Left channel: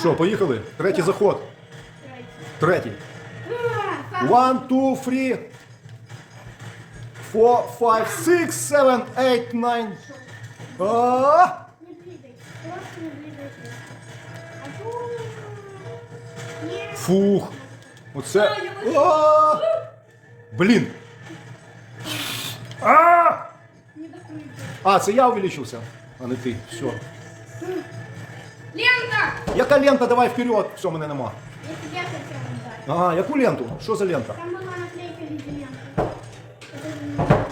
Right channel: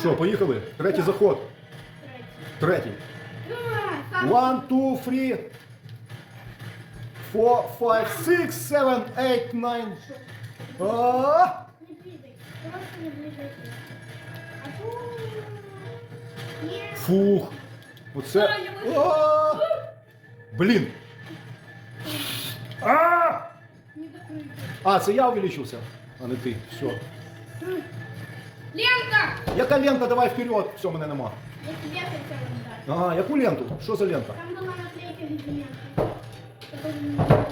Що, поехали, третий заход. Третий. One, two, three. Four, five, six, seven, eight, nine. А! Фух. Оце. А! Блін. А! А, це я увеличился, а не ты, Все. Ленка! Яка лента? Давай вперед. Все, мене нема. Я тебе. Ага, яку ленту? Що за лента? Там была наклейка в виде ленты. Это не знаю.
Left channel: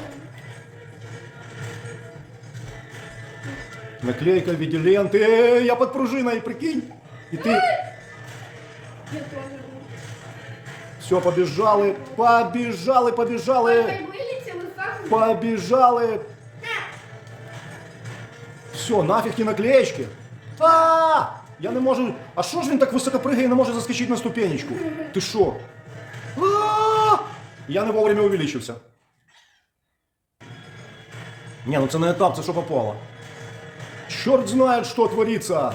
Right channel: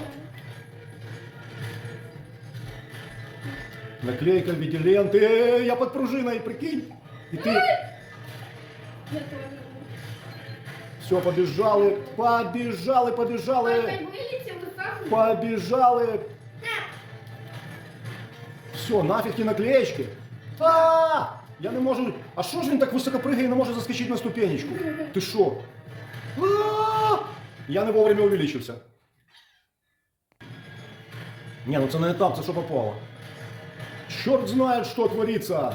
Наклейка в виде ленты. Э, Я под пружиной, прикинь. И ты... Все, побежали, побежали, побежали, побежали. Все, нафиг ті наклеечки. А! Я не можу. А що ж він так високо пригає і не може заскочити на ступенечку? Ти що? А! Я не вовремя увеличився. Ні, ну це не етап, це що попало. Чорт знає, що твориться.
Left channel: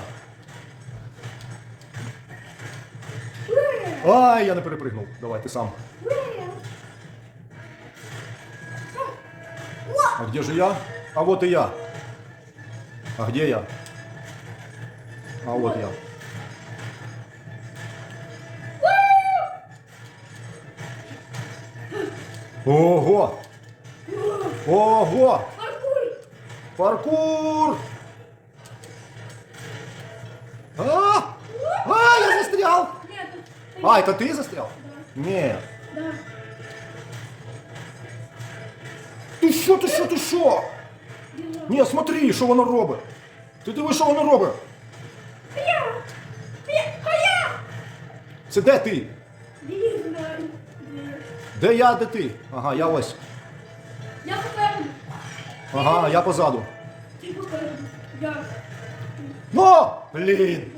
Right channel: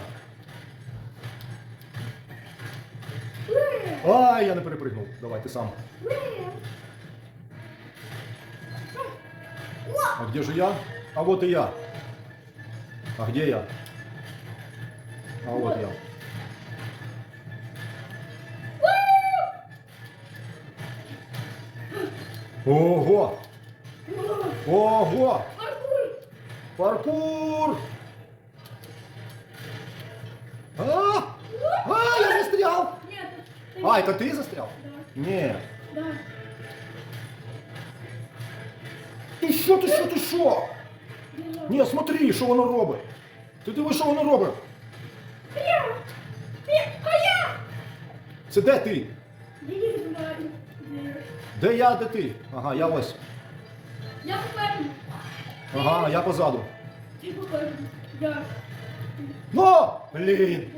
Ай, я не перепригнув. Давай, ти сам. А где же я? А вот и я. А где я? А вот я. Ого! Ого! Паркур! А! А, я застрял! Нет, ты- А, это ты застрял? Нет. Да. Ти що, ти що, ти що? Ні, смотри, що воно робить. Ти диви, що воно робить. Це де ти? Де я, де ти? Ага, я ось. Я покажу. Ага, я позаду. Ты покажу. Я. Ну, блін.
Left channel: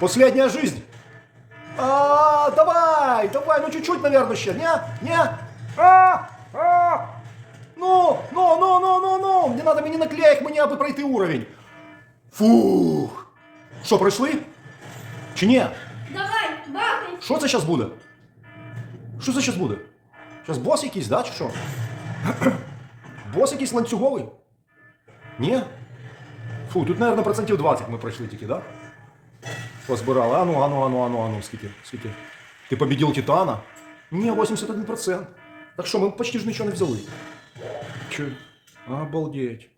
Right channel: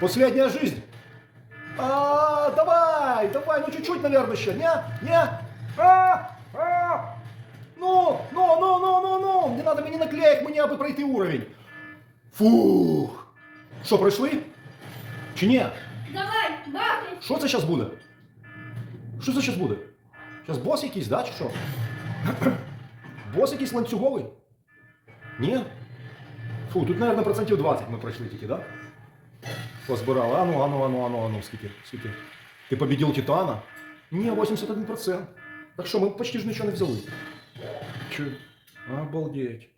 Последняя жизнь. А, давай, давай, ну чуть-чуть, наверное, ще. Не, не. А. Не надо мені наклеїк, мені аби пройти уровень. Фух. Що, пройшли? Чи ні? Давай, бахай. Що це зараз буде? Що це зараз буде? Зараз бос якийсь, да, чи що? бос якийсь ланцюговий? Ні? Фу, тут, мабуть, процентів 20 ми пройшли тільки, да? Позбирали. Ану, ану, ану, ану, ану, скільки, скільки. Ти победил Титана? Ні, 81%. Так що, ми почти ж нічого не взяли. Чи? Обалдеть.